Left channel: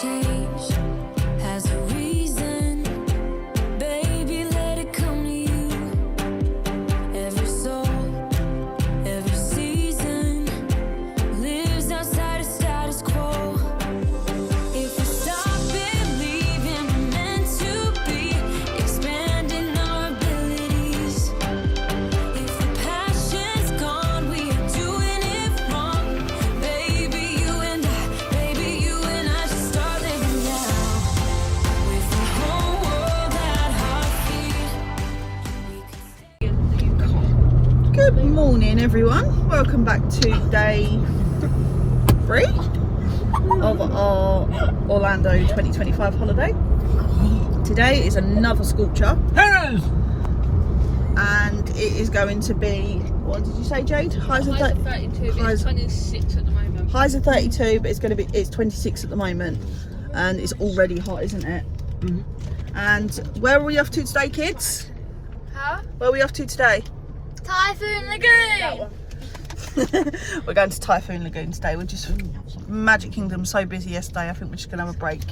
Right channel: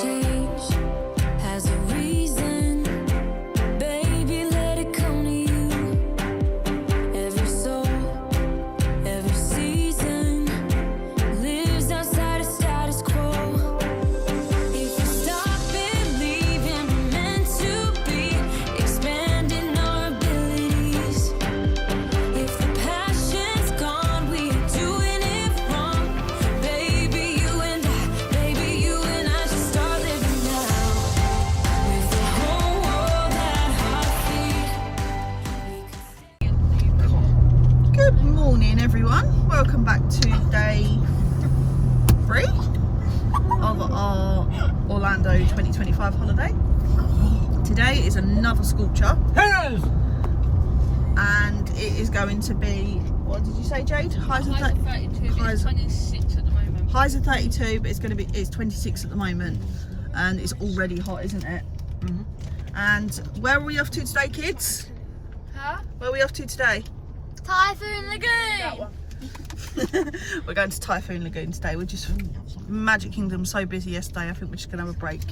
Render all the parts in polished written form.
change has a reason. Baby, let it come to you. Every soul, every season lives outside of status quo. If we stop believing we're meant to be, expanding our abilities. If the passion's gone, we are doing it wrong. Baby, you and I should start living now. With the whole world at our feet, we could stay. Good morning, everyone. Welcome back to day 3 of our Orlando 2025 holiday. Today is another sculpture, and it is going to be, what did you say, Jade? Highs of 32, highs- 26 at the moment. highs of 32, but it's 26 at the moment, and it's already hot, isn't it? And where are we off to today, kids? Huh? Where are we off to today? Typhoon Lagoon! We're going to Typhoon Lagoon today. We're just Magic Kingdom so busy yesterday. I think we're just gonna have a break.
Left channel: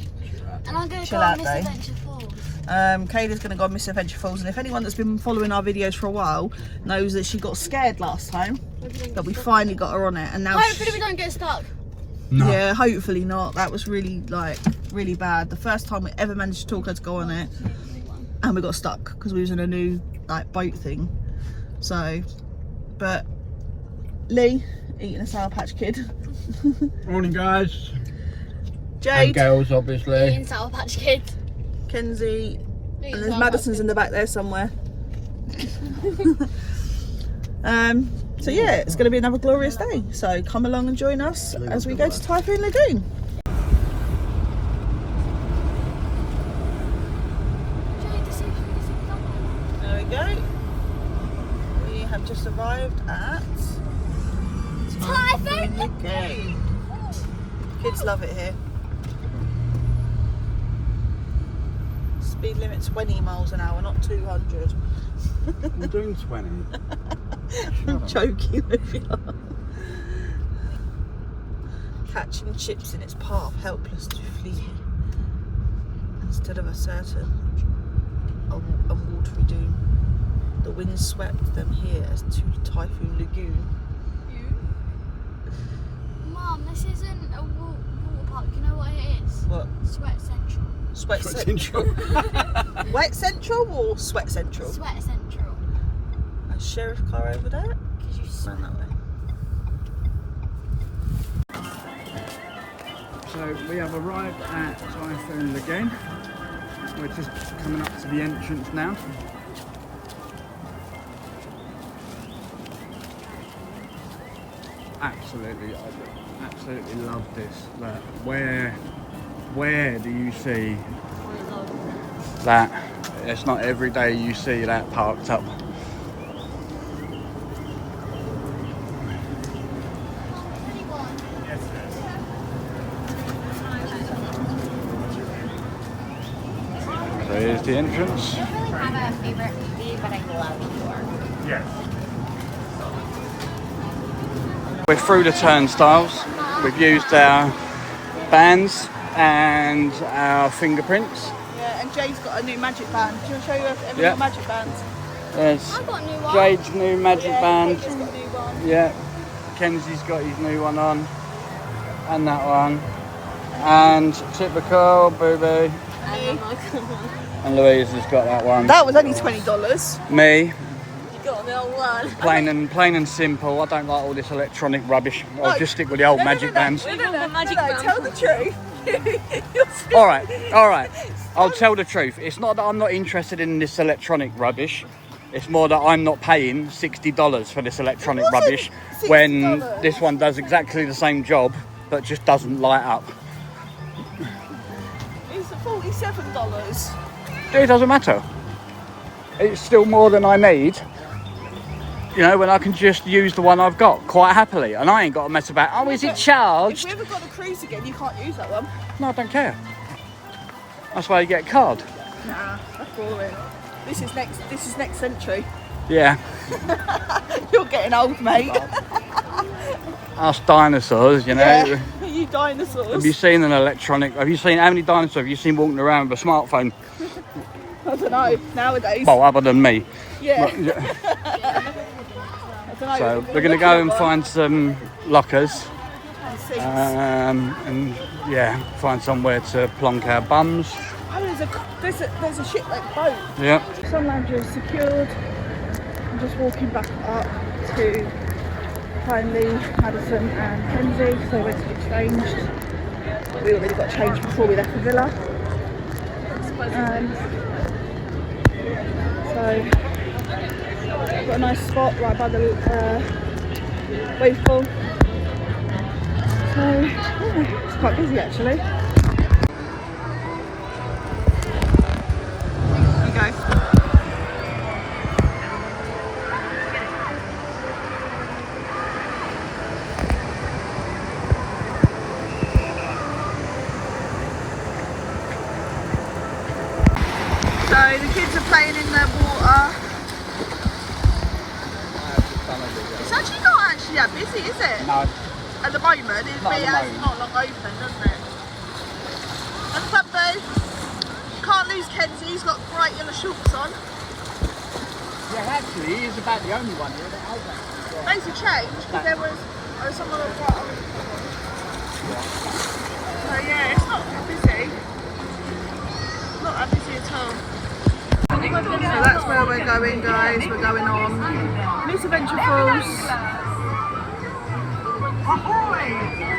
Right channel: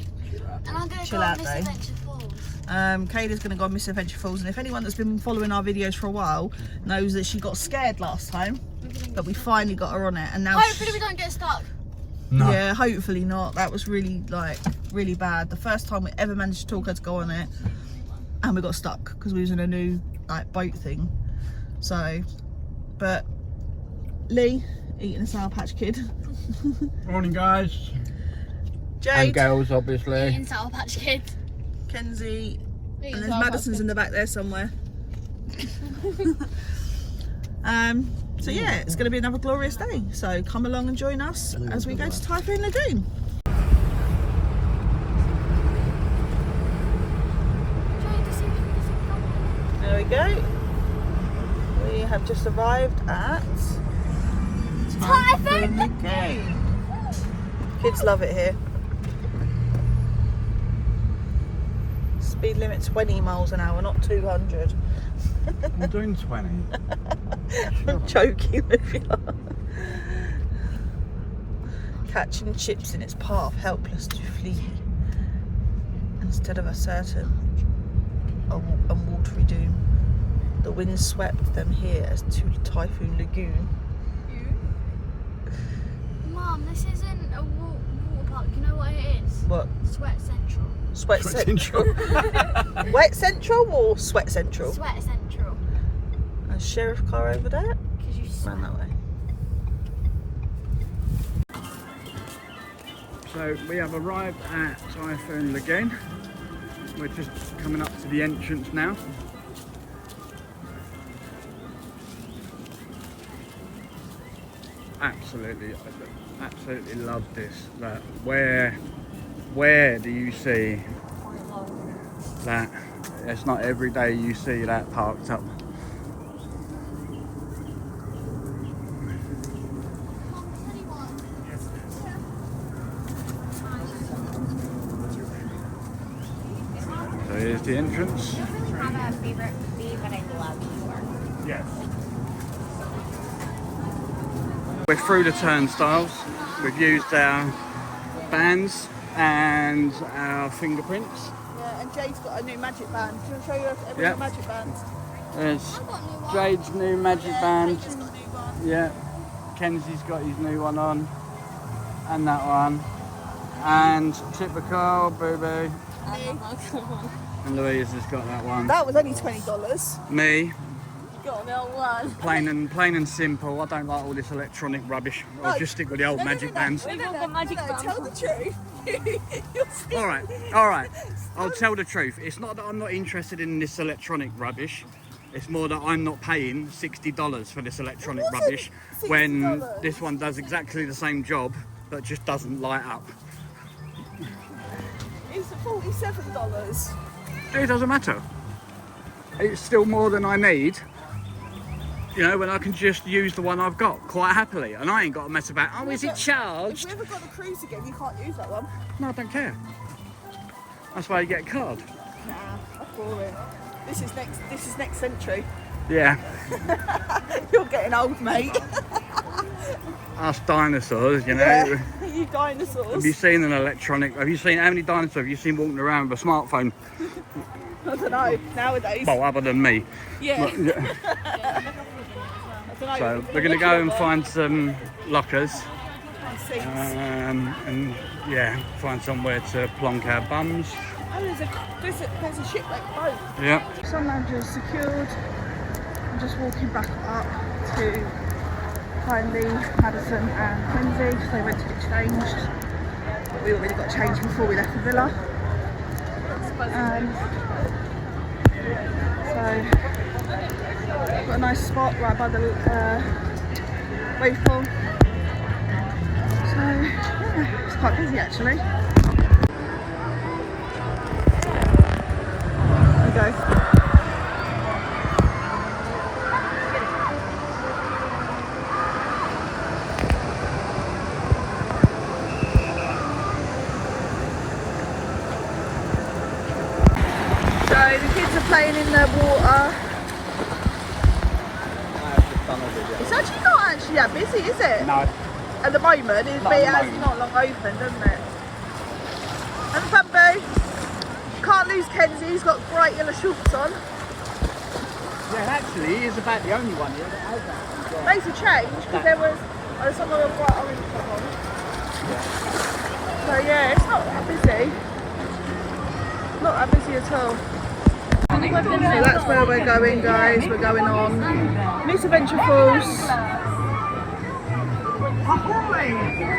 And I'm going to Chill go out on day. Misadventure Falls. Kayla's gonna go on Miss Adventure Falls, and if anyone that's been following our videos for a while knows that she got scared last time, that we finally got her on it, and now Hopefully we don't get stuck. yeah, hopefully not. That was really really bad. The first time we ever managed to talk her to go on it, and we got stuck because we was in a new boat thing. So, but Lee eating a Sour Patch Kid. Morning, guys. Jade, And girls, obviously. Eating Sour Patch Kids. Kenzie, and there's Madison's in the back there somewhere. So yeah, it's going to be another glorious day. So come along and join us as we go to Typhoon Lagoon. There we go. We have just arrived at Typhoon Lagoon. Kids love it here. Speed limit 20 miles an hour, not 200. We're doing 20. I'm joking with you. Catching chips in its path, helpless to flee. Instead of a certain and watery doom, the wind swept them here as to Typhoon Lagoon. Mum, this isn't a water park. You know what it is? What? Sweat Central. Sweat Central. Wet Central or Sweat Central? Sweat Central. A sheriff car over there? Because you sweat. Run that way. So we have arrived at Typhoon Lagoon. We're just coming up to the entrance now. Absolutely, I absolutely love this. Like, where do you see that? It's not every day you see that parked up. So here's the entrance. Yes. We're through the turnstiles. We've used our bands and our fingerprints. Yeah, and Jade's got a new magic band. Do you want to show you everyone's Yeah. magic bands? There's I've got a new one. Jade's new magic band. Kayla's got a new one. Yeah. Kenzie's got his new one on. And that one. And typical Boo-Boo. And Louise has got that one. That was only $20. Me. You got the old one. Plain and simple. I don't like all this electronic rubbish. I'll just stick with the old magic bands. We've all got magic bands. Tell the truth. You're still- All right. I'll tell the truth. It's not that I'm not interested in this electronic rubbish. It's more that I'm not paying $60 for this electronic What's it? rubbish when $60? this one does exactly the same job but just doesn't light up. It's $47. It doesn't matter. It's still more than I need. You know, when I can just use the one I've got quite happily, and I ain't got to mess about. Oh, is it If charged? you ever got the cruise again, you can't use that one. No, I don't care. That's why you get a card. Nah, that's boring. This is next century. Yeah. You're getting old, mate. Us dinosaurs, you know. Yeah. dinosaurs. Have you seen an electronic? Have you seen how many dinosaurs have you seen walking around with a smartphone? I don't know, nowadays. Well, other than me. Yeah. But, yeah. I don't know. So we're going to go and find some lockers. Seats. And yeah, find somewhere to plonk our bums. Oh, there's a ship like boat. Yeah. Sun Lounger is secured. I'm just walking back up to find Lee, Madison and Kenzie because they went to get changed. We already got changed before we left the villa. So we've got a nice spot right by the wave pool. So yeah, it's quite busy actually. There you go. So the kids are playing in the water. It's actually not actually that busy, is it? No. At the moment, it's not long open, doesn't it? And Bamboo, can't lose Kenzie, he's got bright yellow shorts on. Yeah, actually, he is about the only one here. Those have changed because there was some of the bright orange top on. So yeah, it's not that busy. Not that busy at all. So that's where we're going, guys. We're going on Miss Adventure Falls. Ahoy!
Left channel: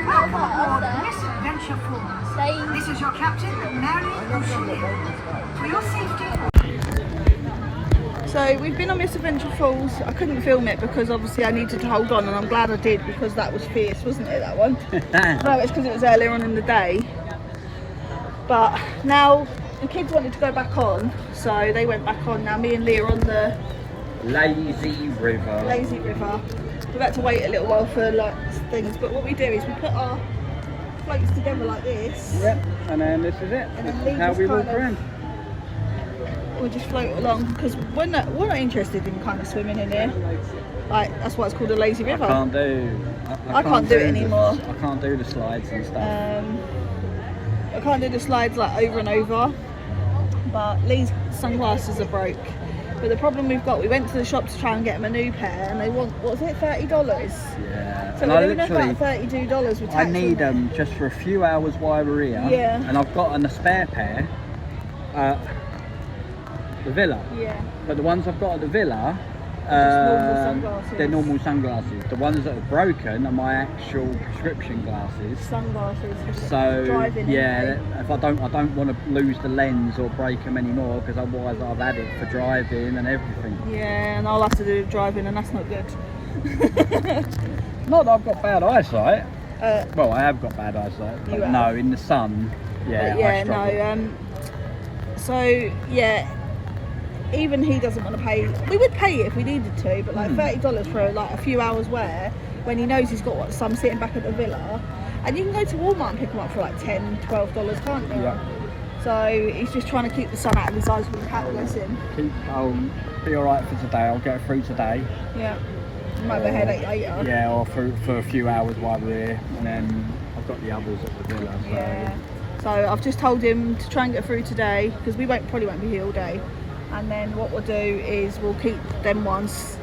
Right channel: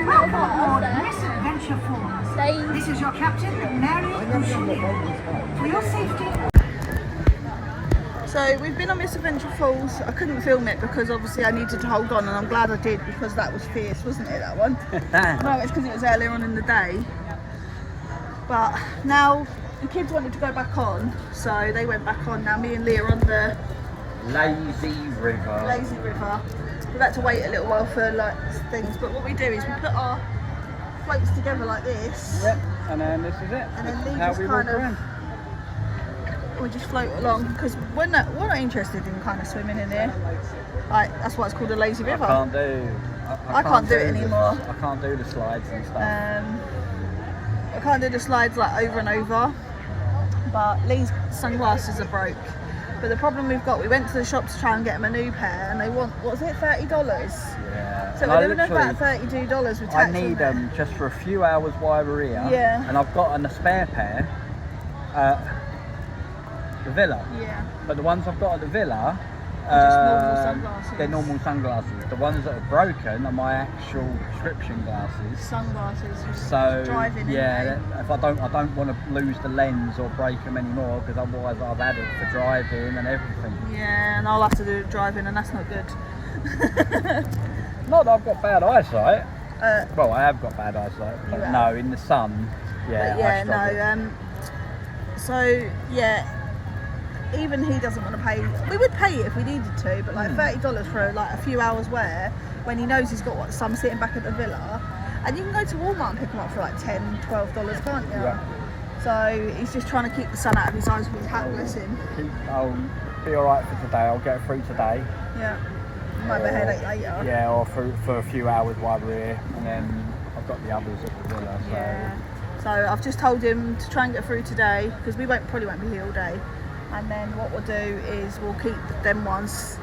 Welcome aboard Miss Adventure Falls. This is your captain, Mary O'Shea. For your safety. So we've been on Miss Adventure Falls. I couldn't film it because obviously I needed to hold on, and I'm glad I did because that was fierce, wasn't it, that one? No, it's because it was earlier on in the day. But now the kids wanted to go back on, so they went back on. Now me and Lee are on the Lazy River. Lazy River. We've had to wait a little while for like things, but what we do is we put our floats together like this. Yep, and then this is it. And then Lee How just we kind walk of, around. we just float along because we're not interested in kind of swimming in here. Like that's why it's called a lazy river. I can't do it anymore. I can't do the slides and stuff. I can't do the slides like over and over. But Lee's sunglasses are broke. But the problem we've got, we went to the shop to try and get him a new pair, and they want, what was it, $30? Yeah. So we're doing about $32 with tax. I need them just for a few hours while we're here. Yeah. And I've got a spare pair at the villa. Yeah. But the ones I've got at the villa, normal sunglasses. they're normal sunglasses. The ones that are broken are my actual prescription glasses. Sunglasses for So driving. yeah, if I don't want to lose the lens or break them anymore because otherwise I've had it for driving and everything. Yeah, and I'll have to do driving, and that's not good. Not that I've got bad eyesight. Well, I have got bad eyesight. You But have. no, in the sun. Yeah. But yeah, I struggle. no. So yeah, even he doesn't want to pay. We would pay it if we needed to, but like $30 for like a few hours wear when he knows he's got some sitting back at the villa, and you can go to Walmart and pick them up for like $10, $12, can't you? Yeah. So he's just trying to keep the sun out of his eyes with his hat, bless him. I'll be alright for today. I'll get through today. Yeah, might be a headache later. Yeah, or for a few hours while we're here, and then I've got the others at the villa. So. Yeah. So I've just told him to try and get through today because we probably won't be here all day. And then what we'll do is we'll keep them ones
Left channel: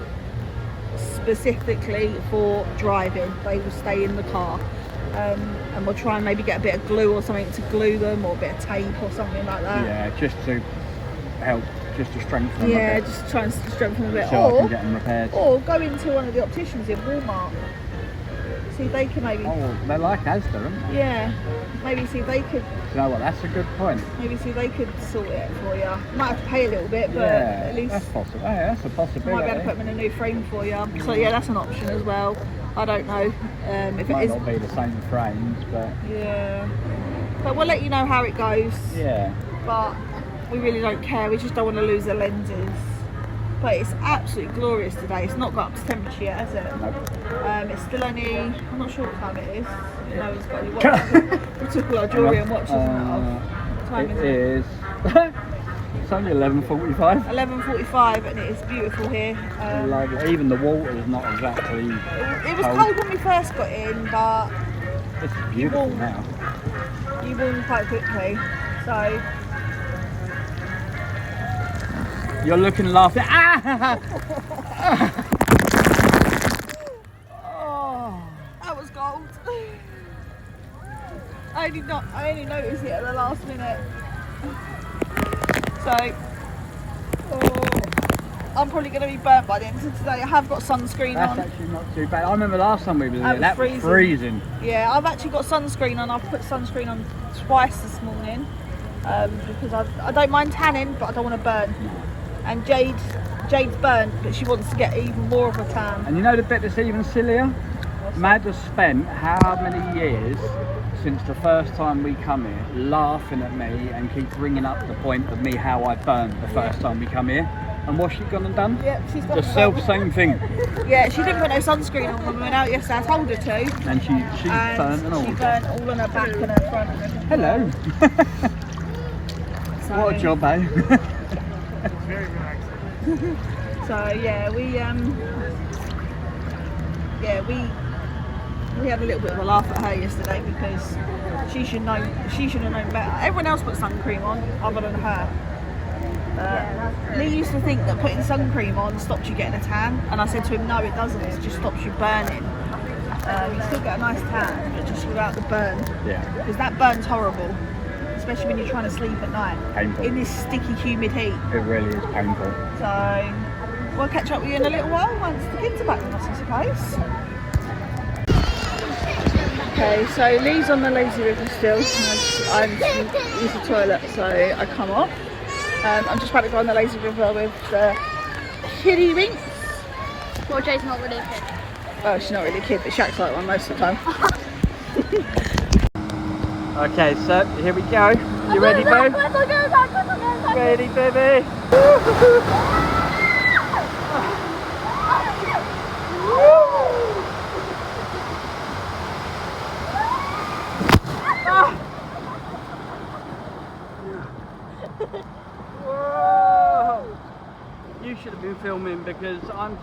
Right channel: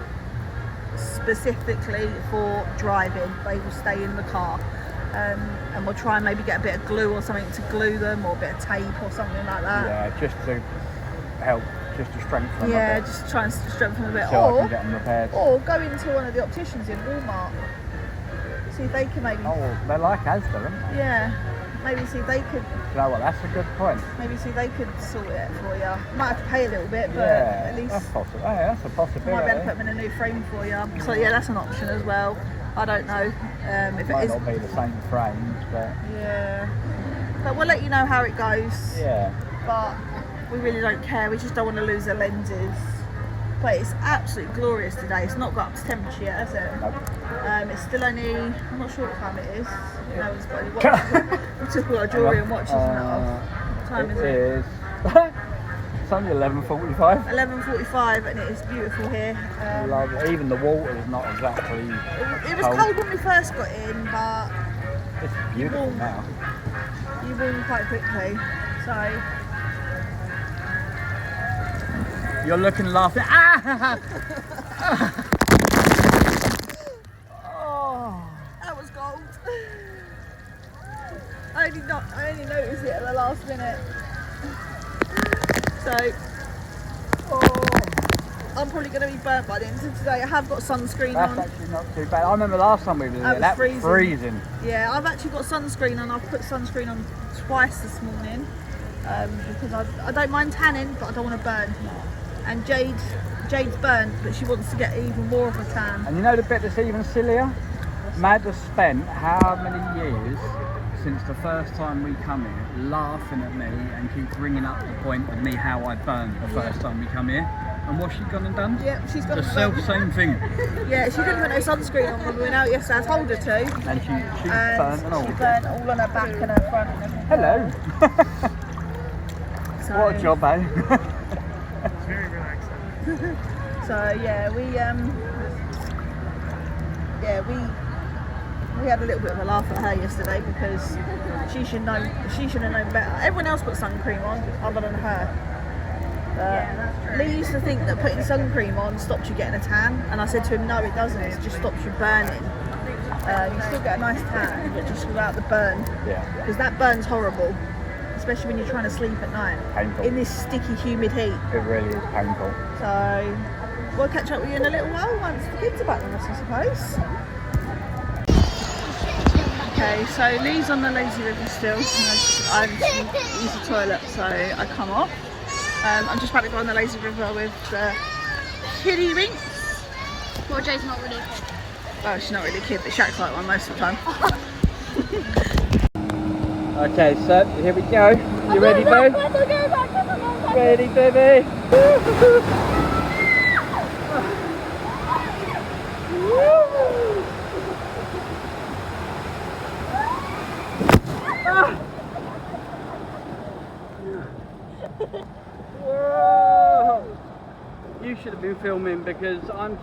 specifically for driving. They will stay in the car. And we'll try and maybe get a bit of glue or something to glue them, or a bit of tape or something like that. Yeah, just to help, just to strengthen them. Yeah, just try and strengthen them a bit. So I can get them repaired. Or go into one of the opticians in Walmart. See if they can maybe... Oh, they're like Asda, aren't they? Yeah, maybe see if they could... You know what, that's a good point. Maybe see if they could sort it for you. Might have to pay a little bit, but Yeah, at least... that's possible. Oh, that's a possibility. I might be able to put them in a new frame for you. So yeah, that's an option as well. I don't know if it Might is. not be the same frames, but Yeah. But we'll let you know how it goes. yeah. But we really don't care. We just don't want to lose the lenses. But it's absolutely glorious today. It's not got up to temperature yet, has it? Nope. It's still only, I'm not sure what time it is. No one's got any watches. We took all our jewellery and watches and that off. What time is it? Is. It's only 11:45. 11:45 and it is beautiful here. Even the water is not exactly. It was cold when we first got in, but This is you beautiful warm, now. you warm quite quickly. So You're looking and laughing. Ah! Oh. that was gold. I only noticed it at the last minute. So I'm probably going to be burnt by the end of today. I have got sunscreen That's on. actually not too bad. I remember last time we were That there, that was was freezing. Yeah, I've actually got sunscreen on. I've put sunscreen on twice this morning because I don't mind tanning, but I don't want to burn. And Jade's burnt, but she wants to get even more of a tan. And you know the bit that's even sillier? Mad has spent how many years since the first time we come here laughing at me and keep bringing up the point of me how I burnt the first time we come here. And what's she gone and done? Yeah, she's The self same thing. Yeah, she didn't put no sunscreen on when we went out yesterday. I told her to. And she burnt and all. She burnt all on her back and her front and everything. Hello. So, What a job, eh? So yeah, we had a little bit of a laugh at her yesterday because she should have known better. Everyone else put sun cream on other than her. Lee used to think that putting sun cream on stops you getting a tan, and I said to him, no, it doesn't. It just stops you burning. You still get a nice tan, but just without the burn. Yeah. Because that burns horrible, especially when you're trying to sleep at night Painful. in this sticky, humid heat. It really is painful. So we'll catch up with you in a little while once the kids are back with us, I suppose. Okay, so Lee's on the lazy river still. I use the toilet, so I come off. I'm just about to go on the lazy river with the kiddie winks. Well, Jay's not really a kid. Well, she's not really a kid, but she acts like one most of the time. Okay, so here we go. You ready, babe? Ready, baby? Whoa! You should have been filming because I'm.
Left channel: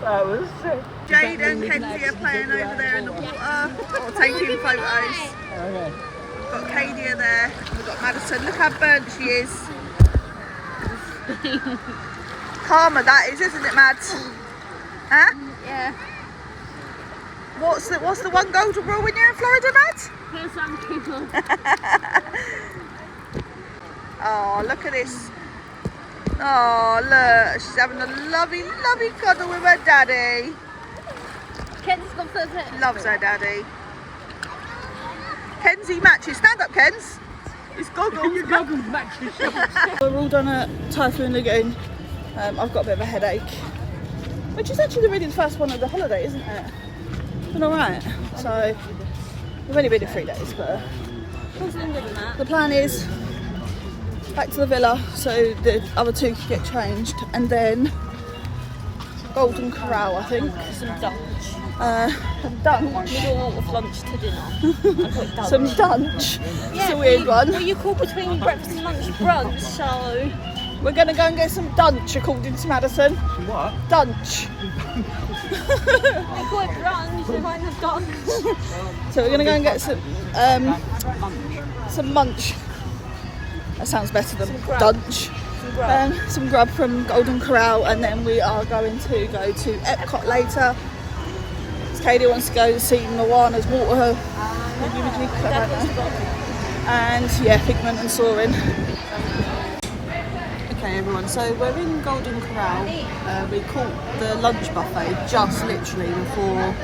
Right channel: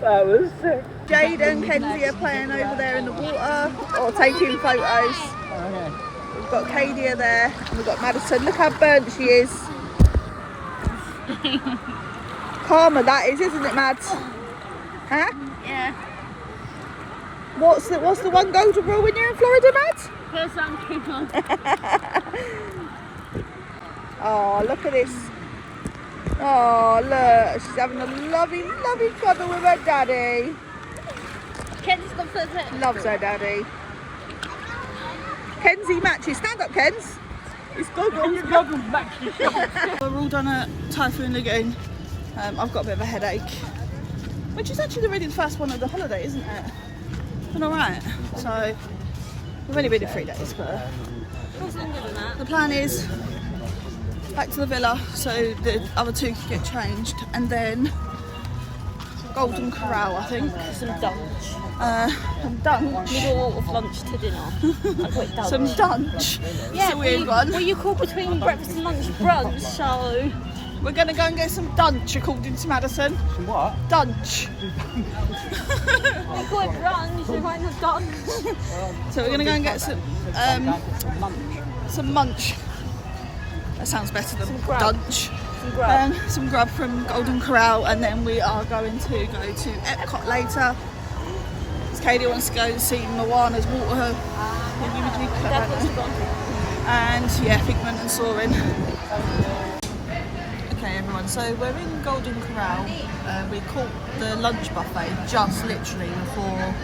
That was sick. Jade and Kenzie are playing over there in the water or taking photos. Okay. We've got Kadia there, and we've got Madison. Look how burnt she is. Karma that is, isn't it, Mads? Huh? Yeah. What's the one golden rule when you're in Florida, Mads? Put some cream on. Oh, look at this. Oh, look, she's having a lovely, lovely cuddle with her daddy. Kenzie's got foot fit. Loves her daddy. Kenzie matches. Stand up, Kens. It's goggles. Your goggles match the shorts. We're all done at Typhoon Lagoon. I've got a bit of a headache, which is actually really the first one of the holiday, isn't it? Been alright. So, we've only been in 3 days, but the plan is back to the villa so the other two can get changed, and then Golden Corral, I think. Some dunch. Some dunch. Middle of lunch to dinner. I put dunch. Some dunch. It's a weird one. Well, you call between breakfast and lunch brunch, so... We're going to go and get some dunch, according to Madison. Some what? Dunch. We call it brunch, we might have dunch. So we're going to go and get some munch. That sounds better than dunch. Some grub from Golden Corral, and then we are going to go to Epcot later. Katie wants to go see Moana's water. And yeah, Figment and Soaring. Okay everyone, so we're in Golden Corral. We caught the lunch buffet just literally before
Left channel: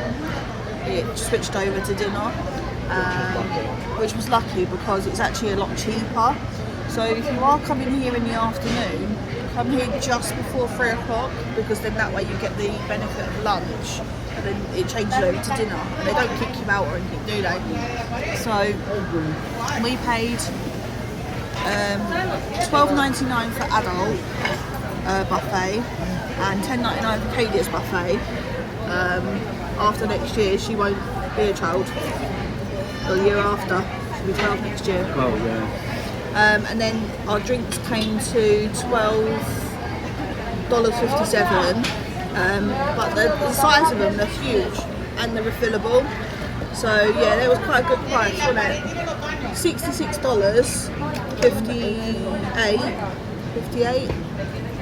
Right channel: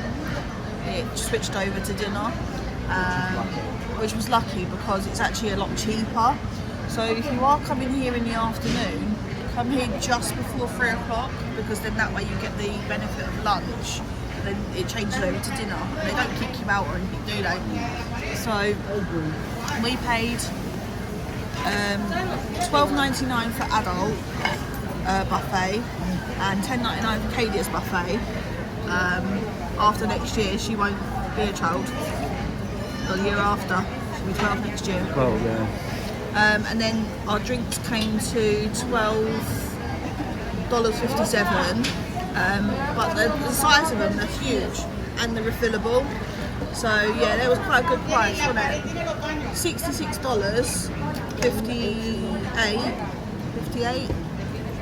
it switched over to dinner, which was lucky because it's actually a lot cheaper. So if you are coming here in the afternoon, come here just before 3 o'clock, because then that way you get the benefit of lunch, and then it changes over to dinner, and they don't kick you out or anything, do they? So we paid $12.99 for adult buffet and $10.99 for Kadia's buffet. After next year, she won't be a child. Or the year after, she'll be 12 next year. Oh yeah. And then our drinks came to $12.57. But the size of them, they're huge and they're refillable. So yeah, that was quite a good price, wasn't it?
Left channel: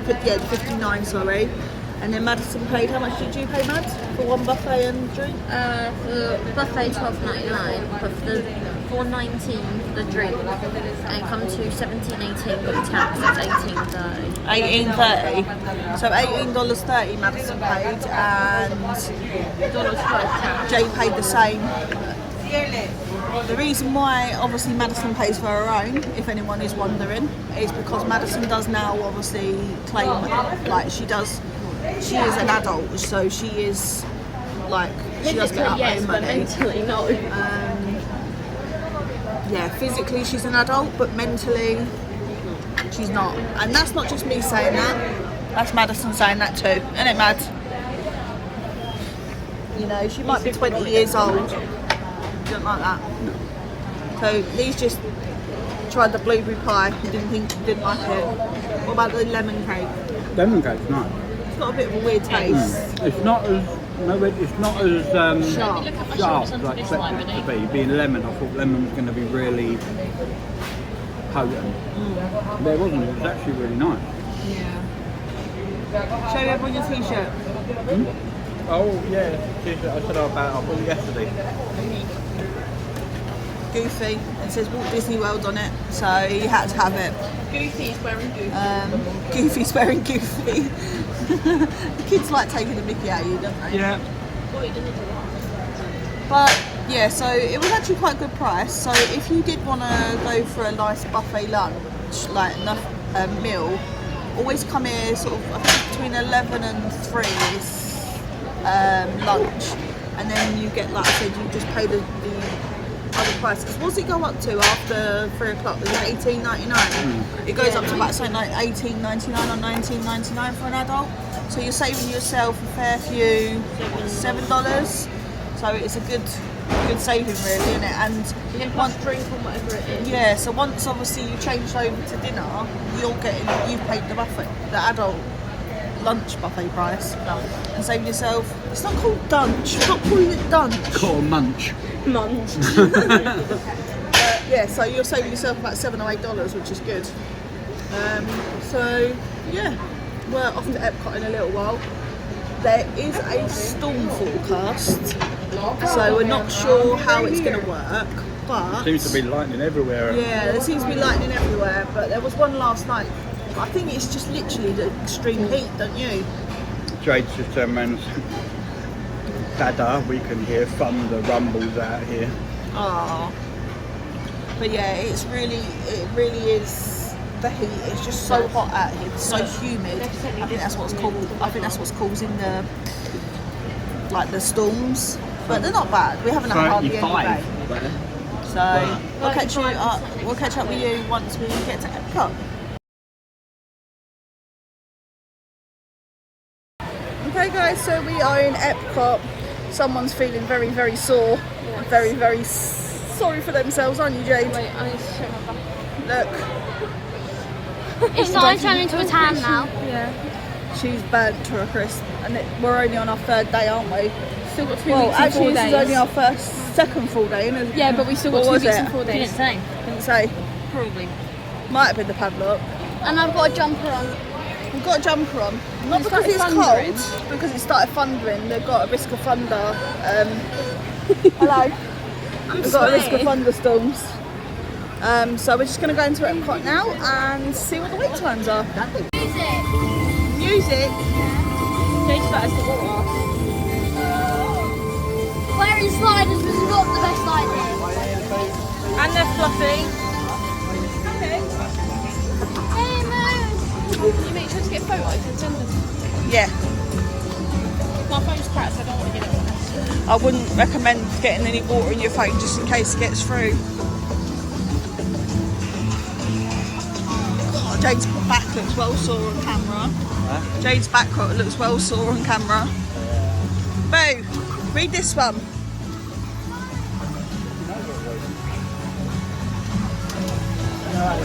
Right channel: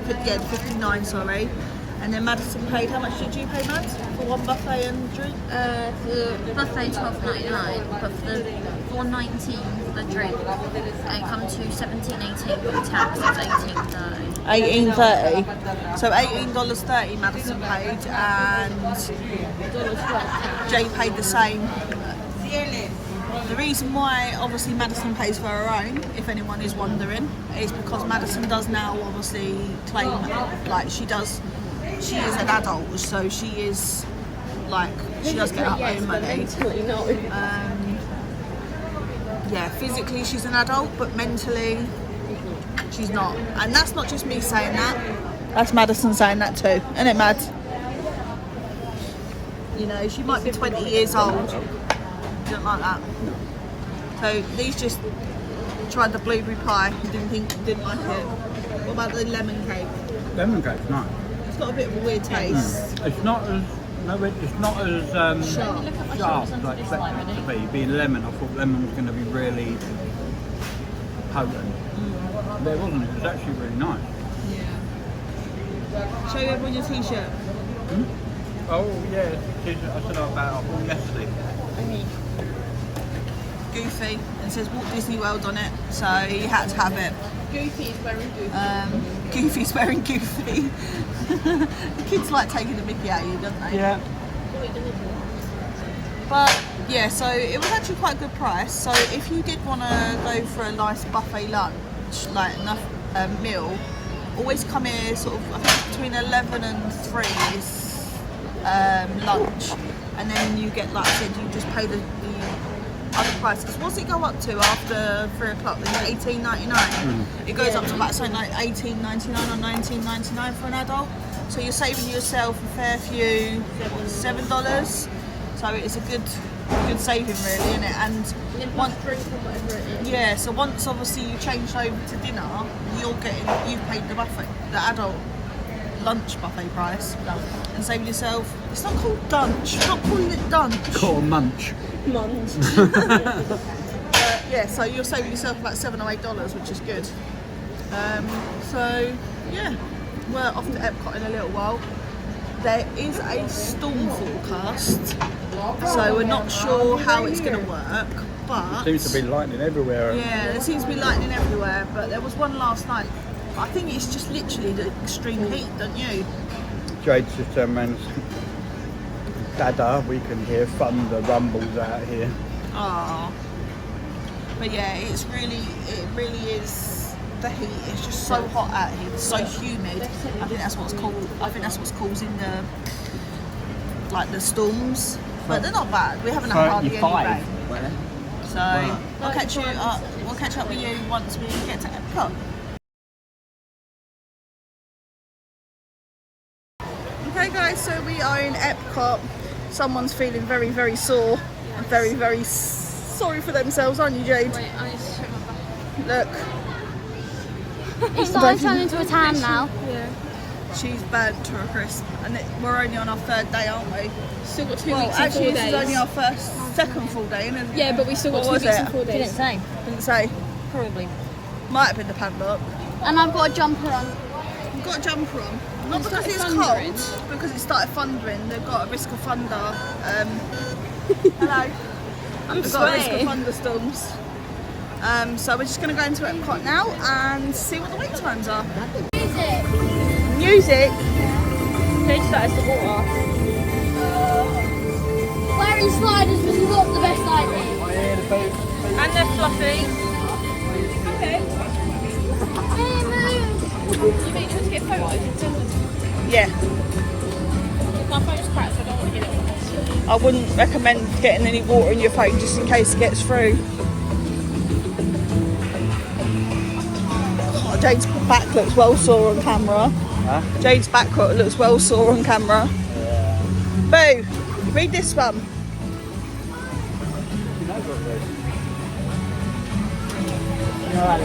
$59, sorry. And then Madison paid, how much did you pay, Mads, for one buffet and drink? The buffet $12.99, but for the $4.19 for the drink, and come to $17.18 for the tax. It's $18.30. $18.30. So $18.30 Madison paid, and Jay paid the same. The reason why obviously Madison pays for her own, if anyone is wondering, is because Madison does now obviously claim, like she is an adult, so she is like, she does get her own money. Yeah, physically she's an adult, but mentally she's not. And that's not just me saying that, that's Madison saying that too, isn't it, Mad? You know, she might be 20 years old. She don't like that. So Lee's just tried the blueberry pie. He didn't like it. What about the lemon cake? Lemon cake's nice. It's got a bit of a weird taste. It's not as sharp as I expected it to be. Being lemon, I thought lemon was going to be really potent. But it wasn't. It was actually really nice. Show everyone your t-shirt. Oh yeah, t-shirt I said about yesterday. Goofy. It says Walt Disney World on it, so you had to have it. Goofy's wearing Goofy. Goofy's wearing Goofy. The kids like taking a mickey out of you, don't they? Yeah. But yeah, so it was actually quite a good price. So if you did want to go for a nice buffet lunch, like enough meal, always come here sort of, I think between 11 and 3 is lunch, and then you get, like I said, you just pay the other prices. What's it go up to after 3 o'clock? Is it $18.99? It goes up to about something like $18.99 or $19.99 for an adult. So you're saving yourself a fair few, $7. So it's a good saving, really, isn't it? And one drink or whatever it is. Yeah. So once obviously you change over to dinner, you've paid the buffet, the adult lunch buffet price, and saving yourself. It's not called dunch. Stop calling it dunch. Or munch. Munch. But yeah, so you're saving yourself about $7 or $8, which is good. So yeah, we're off to Epcot in a little while. There is a storm forecast, so we're not sure how it's going to work, but Seems to be lightning everywhere. yeah, there seems to be lightning everywhere, but there was one last night. But I think it's just literally the extreme heat, don't you? Jade's just turned around and said, Dada, we can hear thunder rumbles out here. Ah, but yeah, it really is. The heat is just so hot out here. It's so humid. I think that's what's causing the storms. But they're not bad. We haven't had hardly any rain. So we'll catch up with you once we get to Epcot. Okay, guys. So we are in Epcot. Someone's feeling very, very sore. Yes. Very, very sorry for themselves, aren't you, Jade? Wait, I need to check my back. Look. It's starting to turn into a tan now. Yeah. She's burnt to a crisp, and we're only on our 3rd day, aren't we? Still got 2 Well, weeks and actually, 4 this is days. only our second full day, isn't it? Yeah, but we still got What 2 was weeks it? and 4 days. Didn't say. Didn't say. Probably. Might have been the padlock. And I've got a jumper on. We've got a jumper on. Not because it's cold, because it started thundering. They've got a risk of thunder. Hello. We've got a risk of thunderstorms. So we're just going to go into Epcot now and see what the wait times are. Music. Music? Take that as the water. Wearing sliders was not the best idea. And they're fluffy. Okay. Yeah. I wouldn't recommend getting any water in your phone just in case it gets through. Oh, Jade's back looks well sore on camera. Huh? Jade's back looks well sore on camera. Boo, read this one.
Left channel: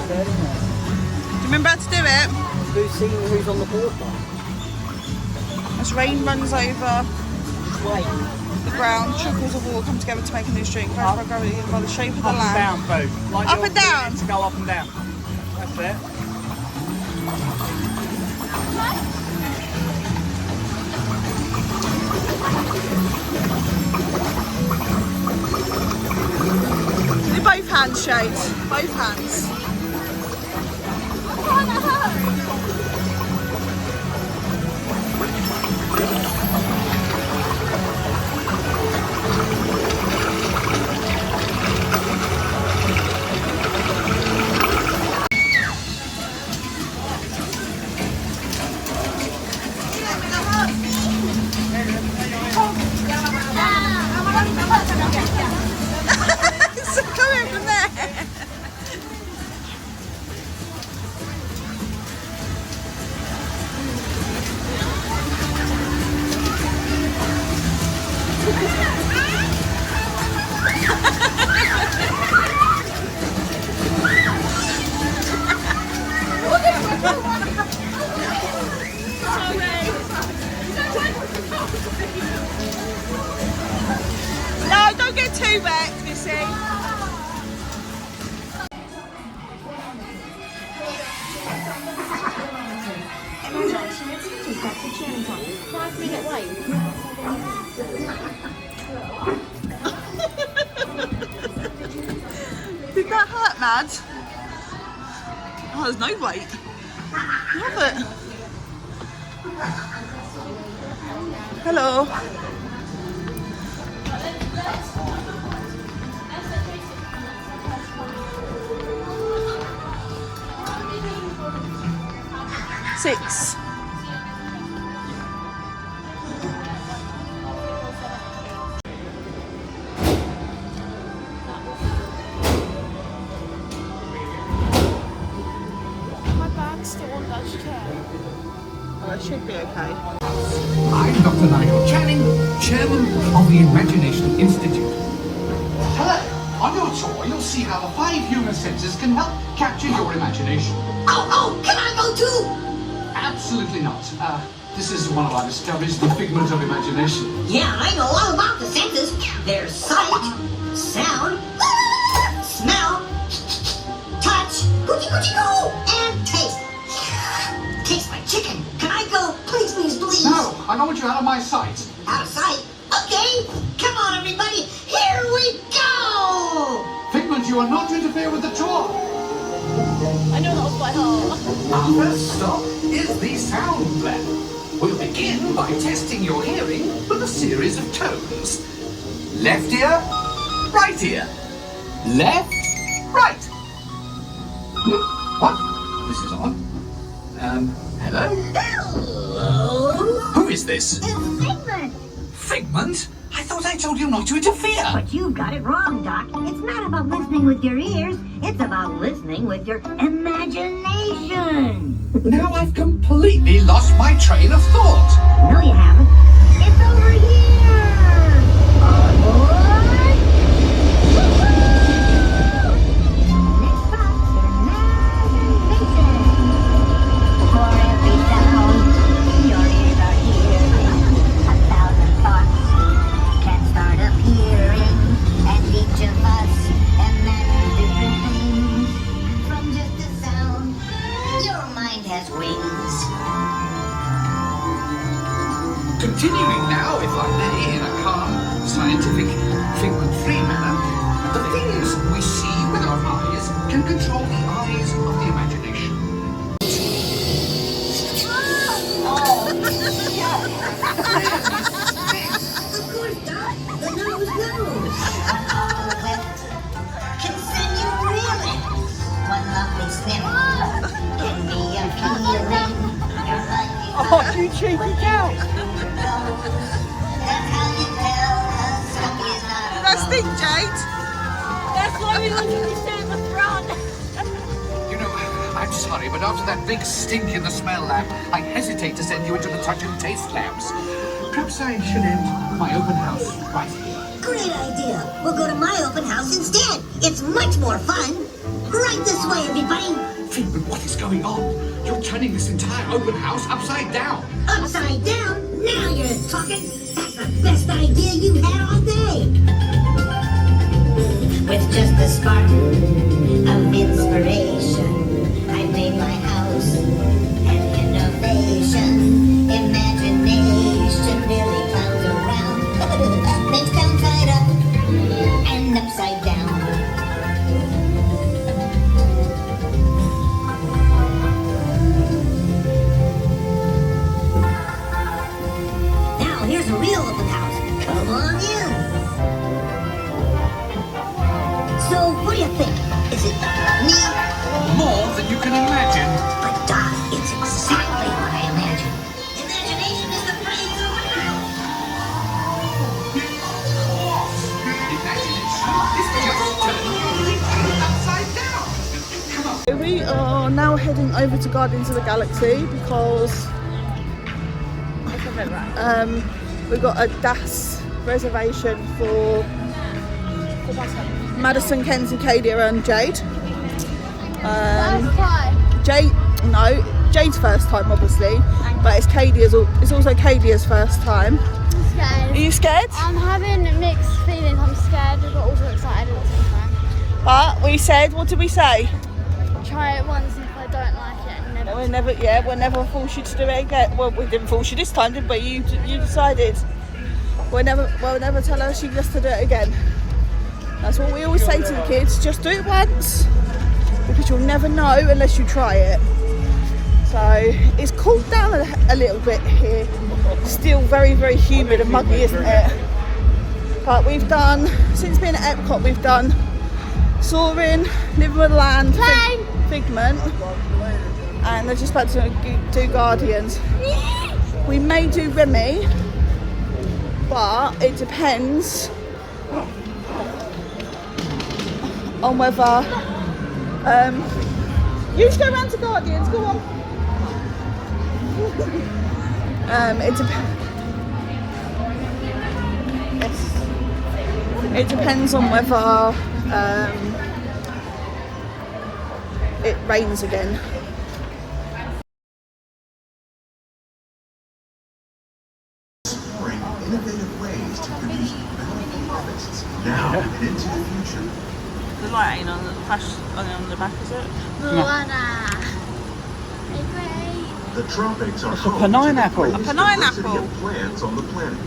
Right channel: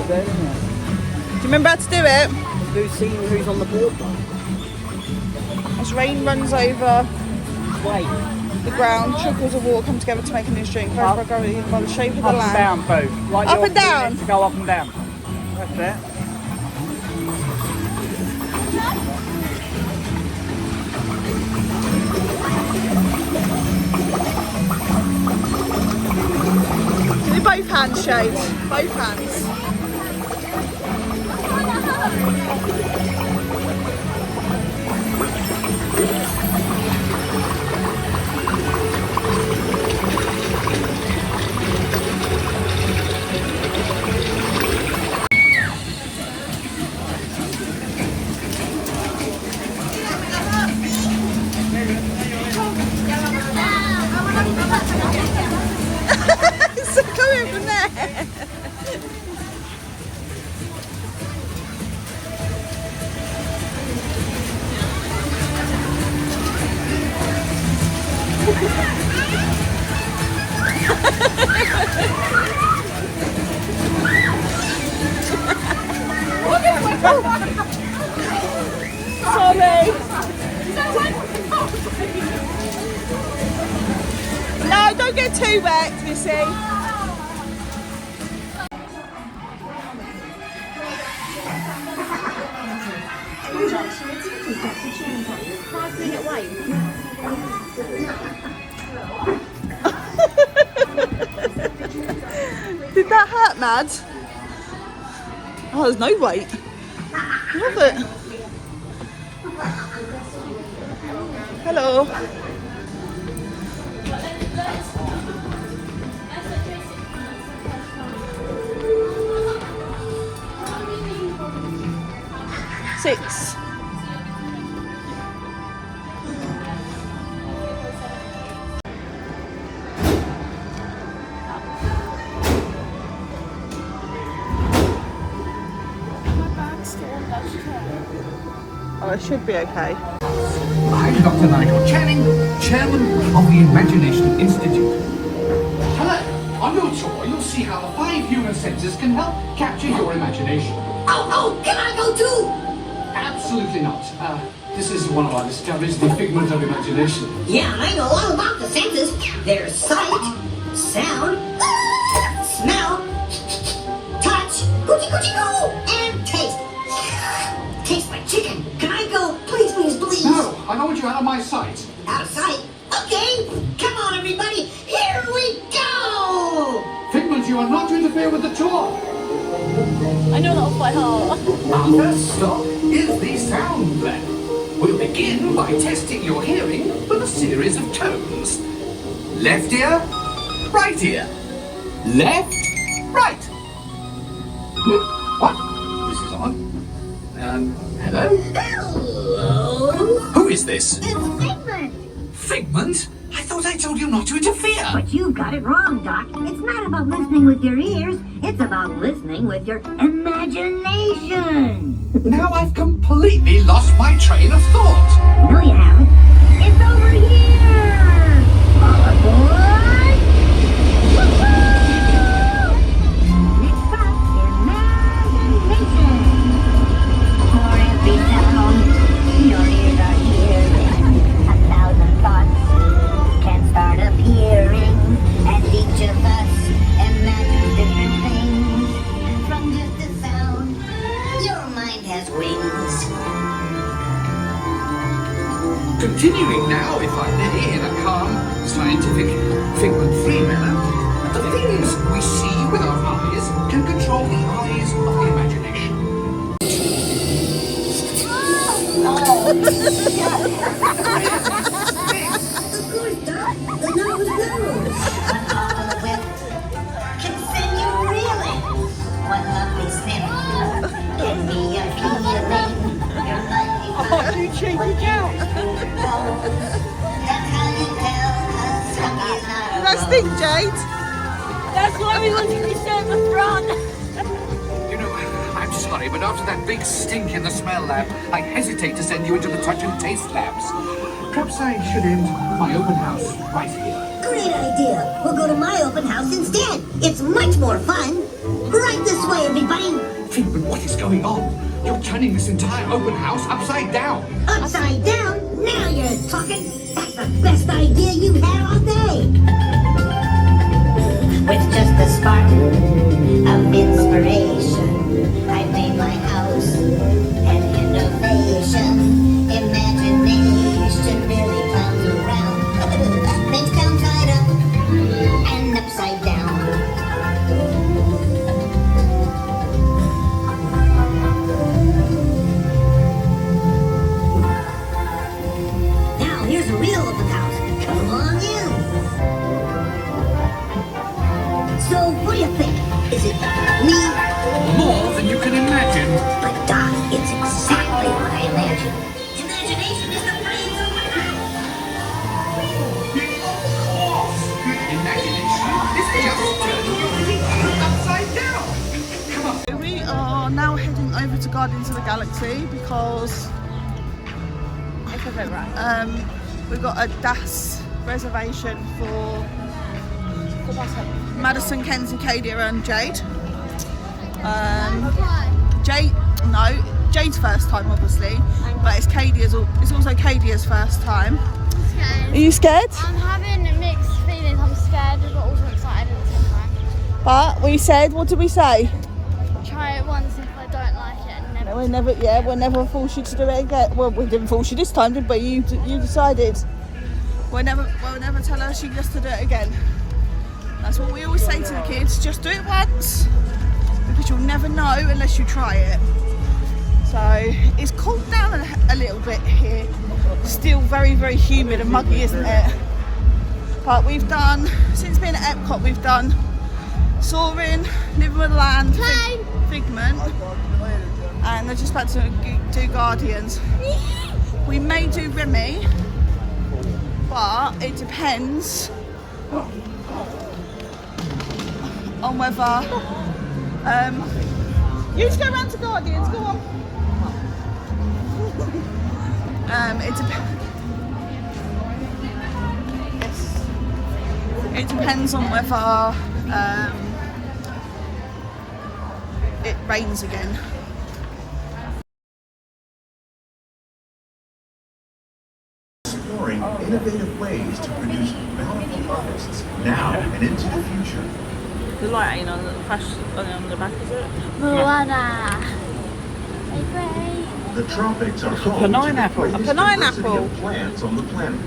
Do you remember how to do it? Do see who's on the board, though. As rain runs over Wait. the ground, trickles of water come together to make a new stream. First by gravity and by the shape of the land. Down, Boo. Like Up your and down. feet, go up and down. That's it. Do both hands, Jade. Both hands. So coming from there. Sorry. No, don't get too wet, Missy. Did that hurt, Mad? Oh, there's no weight. Love it. Hello. Six. Oh, it should be okay. I'm Dr. Nigel Channing, Chairman of the Imagination Institute. Hello. On your tour, you'll see how the 5 human senses can help capture your imagination. Oh, can I go too? Absolutely not. This is one of our discoveries, the figment of imagination. Yeah, I know all about the senses. There's sight, sound, smell, touch, coochie-coochie-goo, and taste. Taste my chicken. Can I go? Please, please, please. No, I don't want you out of my sight. Out of sight. Okay, come on, everybody. Here we go. Figment, you are not to interfere with the tour. Our first stop is the sound lab. We'll begin by testing your hearing with a series of tones. Left ear, right ear. Left, right. What? This is on. Hello? Hello. Who is this? It's Figment. Figment? I thought I told you not to interfere. But you got it wrong, Doc. It's not about listening with your ears. It's about listening with your imagination. Now I've completely lost my train of thought. No, you haven't. It's over here. All aboard. Woo-hoo! Next stop, imagination. For every sound, your ears are hearing 1,000 thoughts. Can start appearing, and each of us imagines different things. From just a sound, your mind has wings. Continuing now, if I may, in a calm, scientific, figment-free manner, the things we see with our eyes can control the eyes of the imagination. Can send you reeling. One lucky snip, and Did that stink, Jade? That's why we wanted to show the front. You know, I'm sorry, but after that big stink in the smell lab, I hesitate to send you into the touch and taste labs. Perhaps I should end my open house right here. Great idea. We'll go to my open house instead. It's much more fun. Right this way, everybody. But what is going on? You're turning this entire open house upside down. Upside down? Now you're talking. That's the best idea you've had all day. With just a spark of inspiration, I made my house an innovation. Imagination really comes around. Things come right up and upside down. Now here's a real open house. Come on in. So what do you think? Is it me? More than you can imagine. But Doc, it's exactly what I imagined. Imagination is the brains of the house. Imagination is just turning your room upside down. Come on. We are now heading over to Guardians of the Galaxy because we've got a DAS reservation for Madison, Kenzie, Kadia and Jade. Jade's first time obviously, but it's also Kadia's first time. Are you scared? I'm having a mixed feeling. I'm scared but also excited at the same time. But we said, what did we say? Try it once and if I don't like it, We'll never force you to do it again. Well, we didn't force you this time, did we? You decided. We'll never tell her she gets to do it again. That's what we always say to the kids. Just do it once, because you'll never know unless you try it. So it's cooled down a little bit here. Still very, very humid and muggy, isn't it? But we've done, since being at Epcot, we've done Soaring, Living with Land, Figment, and they're just about to do Guardians. We may do Remy, but it depends on whether you just go around to Guardians, go on. It depends on whether it rains again. Exploring innovative ways to produce bountiful harvests now and into the future. The light ain't on the flash on the back, is it? The tropics are home to the pineapple. greatest diversity of plants on the planet.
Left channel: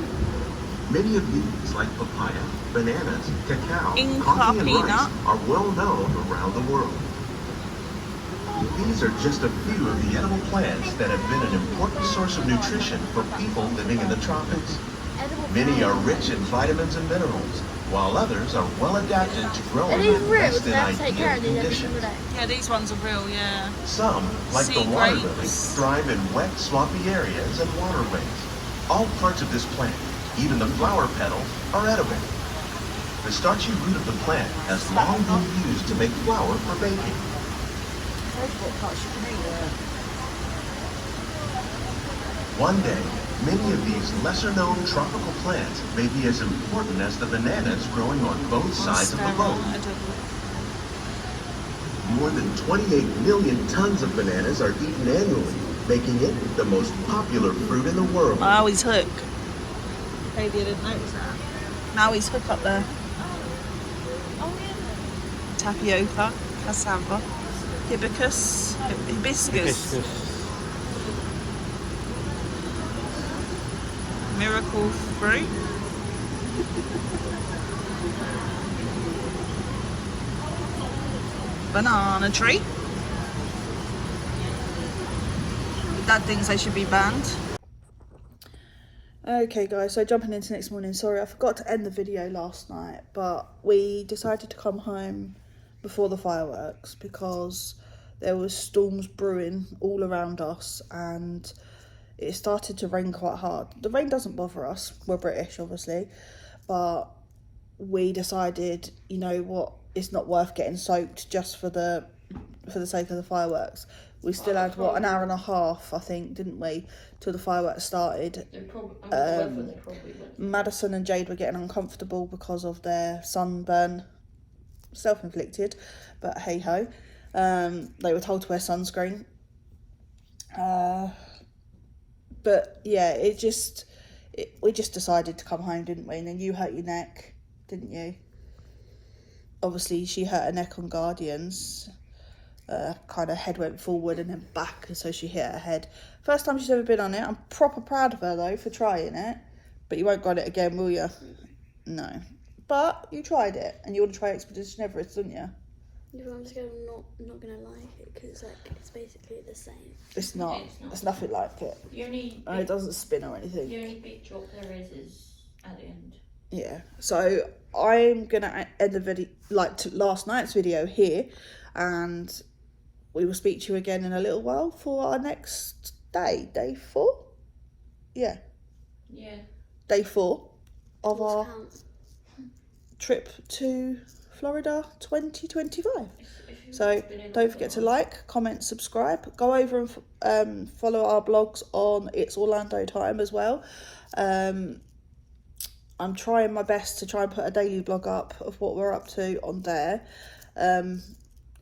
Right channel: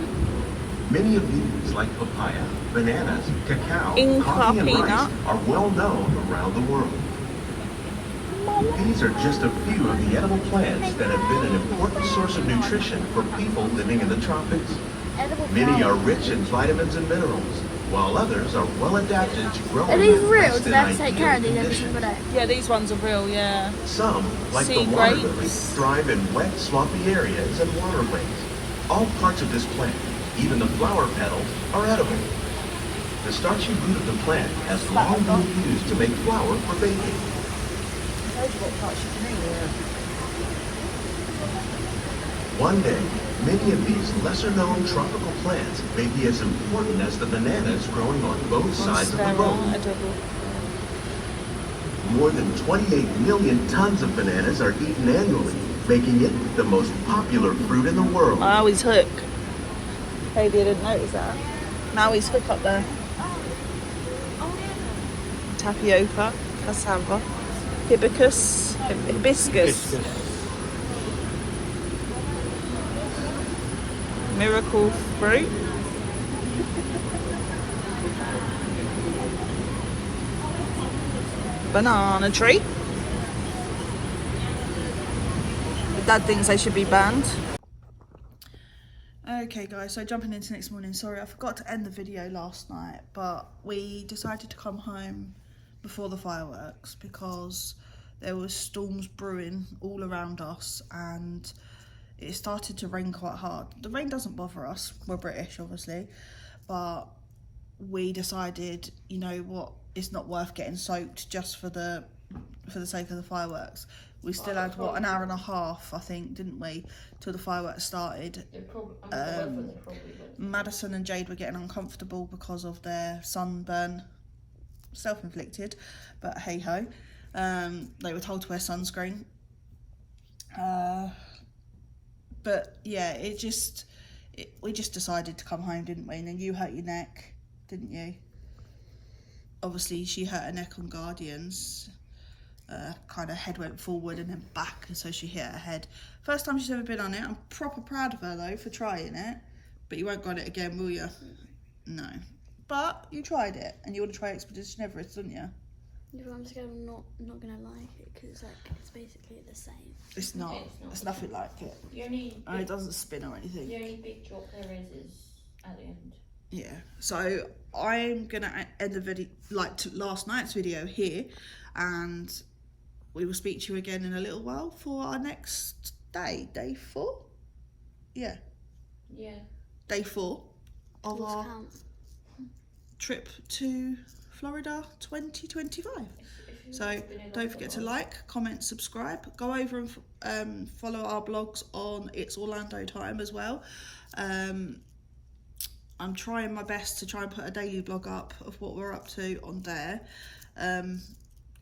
Many of these, like papaya, bananas, cacao, Inca coffee, and peanut. rice, are well known around the world. These are just a few of the edible plants that have been an important source of nutrition for people living in the tropics. Many are rich in vitamins and minerals, while others are well adapted to growing in less than ideal conditions. Yeah, these ones are real, yeah. Some, like Sea the water grapes. lily, thrive in wet, swampy areas and waterways. All parts of this plant, even the flower petals, are edible. The starchy root of the plant has long been used to make flour for baking. One day, many of these lesser-known tropical plants may be as important as the bananas growing on both sides of the road. More than 28 million tons of bananas are eaten annually, making it the most popular fruit in the world. Maui's hook. Maybe I didn't notice that. Maui's hook up there. Tapioca, cassava, hibiscus. Miracle fruit. Banana tree. Dad thinks they should be banned. Okay guys, so jumping into next morning, sorry I forgot to end the video last night, but we decided to come home before the fireworks because there was storms brewing all around us and it started to rain quite hard. The rain doesn't bother us, we're British obviously, but we decided, you know what, it's not worth getting soaked just for the sake of the fireworks. We still had, what, an hour and a half, I think, didn't we, till the fireworks started. Madison and Jade were getting uncomfortable because of their sunburn, self-inflicted, but hey ho. They were told to wear sunscreen. But yeah, we just decided to come home, didn't we? And then you hurt your neck, didn't you? Obviously, she hurt her neck on Guardians. Kind of head went forward and then back, and so she hit her head. First time she's ever been on it. I'm proper proud of her though for trying it. But you won't go on it again, will you? No. But you tried it, and you want to try Expedition Everest, didn't you? I'm not gonna like it because it's basically the same. It's not. It's nothing like it. And it doesn't spin or anything. The only big drop there is at the end. Yeah. So I'm gonna end the video like last night's video here, and we will speak to you again in a little while for our next day, day 4. Yeah. Day 4 of our trip to Florida 2025. So don't forget to like, comment, subscribe. Go over and follow our blogs on It's Orlando Time as well. I'm trying my best to try and put a daily blog up of what we're up to on there,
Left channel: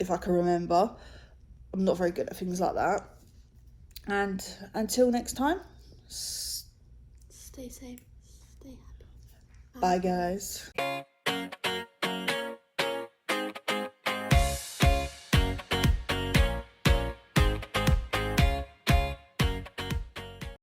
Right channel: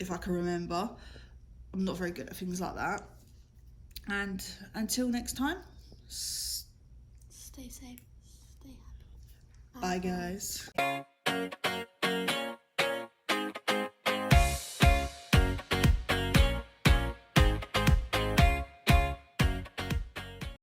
if I can remember. I'm not very good at things like that. And until next time, Stay safe, stay happy. bye guys.